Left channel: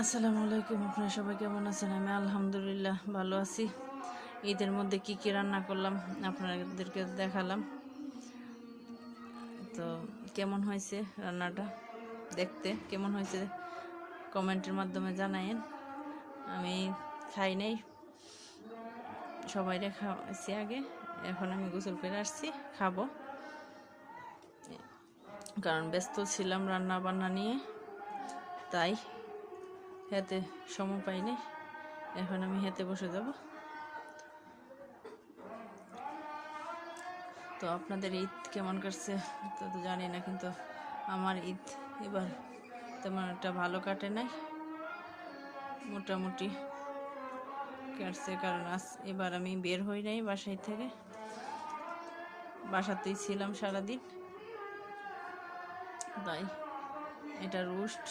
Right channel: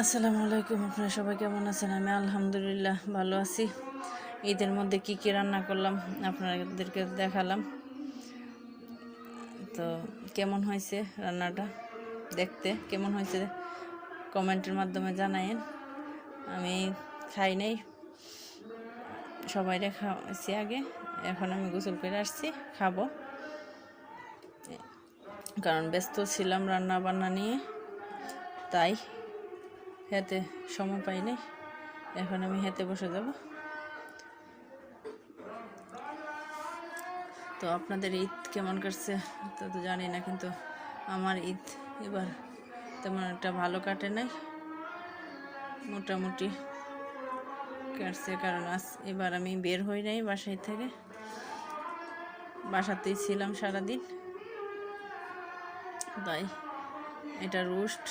আসসালামু আলাইকুম, আপনারা সবাই কেমন আছেন? আমি আলহামদুলিল্লাহ ভালো আছি। ঈদের মধ্যে কি কি রান্না করলাম আপনাদেরকে দেখালাম। তো কেমন হয়েছে রান্নাটা দেখতে? কেমন হয়েছে কমেন্টের মাধ্যমে জানাইন আমি খাই নাই। সবাইরে খাওয়াইছি আগে। এখন আমি গোসল করে আসছি, খাব। কারণ ব্যস্ত ছিলাম রান্না বান্না নিয়ে, তাই হেতে সময় পাইনি। এখন আমি হেতে বসে যাব। তো আপনাদের ঈদ কেমন কাটছে? তা তো জানি না, কিন্তু আমার ঈদ এবার তেমন একটা ভালো কাটে নাই। মোটামুটি কাটছে, কারণ আজ এবার আমি বের হই নাই বাসায় থেকে। বাসাতেই ছিলাম সারাদিন। তাই এটা রোস্ট,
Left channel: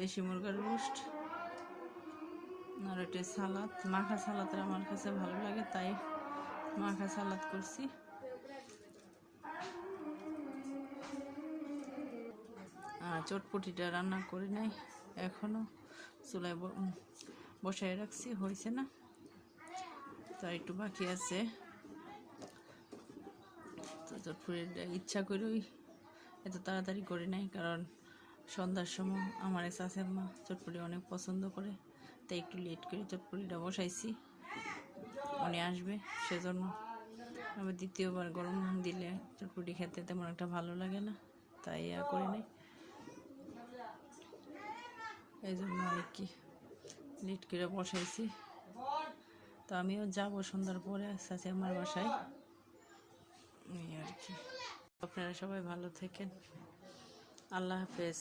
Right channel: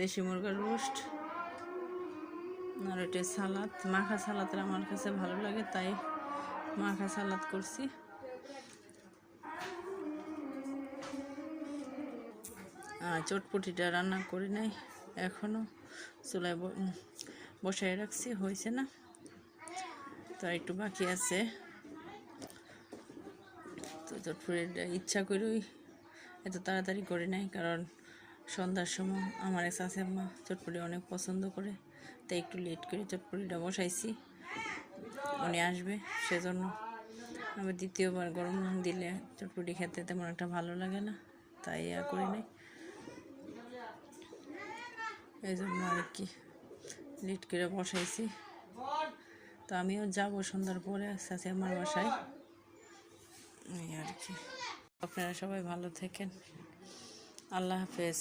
দেশি মুরগার রোস্ট, আর এটা সালাদ। মাখা সালাদ আমার কাছে ভালো লাগে, তাই মাখা সালাদ করছি। চটপটিটা রান্না করি নাই এখনও চুলায় বসায় রাখছি, হয়েছে না? তো একটু বাকি আছে। তো চটপটিটা ইচ্ছা করেই এত তাড়াতাড়ি করি নাই, কারণ সন্ধ্যার সময় আমার শাশুড়ি মা চটপটি অনেক পছন্দ করে, তাই একটু লেট করে চটপটিটা বসাইছি। উনি আসবে, সেজন্য আবার দ্বিতীয়বার গরম দিলে চটপটি খেতে তেমন একটা ভালো লাগে না, তাই আর করি নাই। এই জন্য আর কি লেট করে বসাইছি। তো আমিও যাব সন্ধ্যার পরে আস্তে আমার বাসায়। এই আর কি। আপনারা সবাই ভালো থাকেন। আল্লাহ হাফেজ।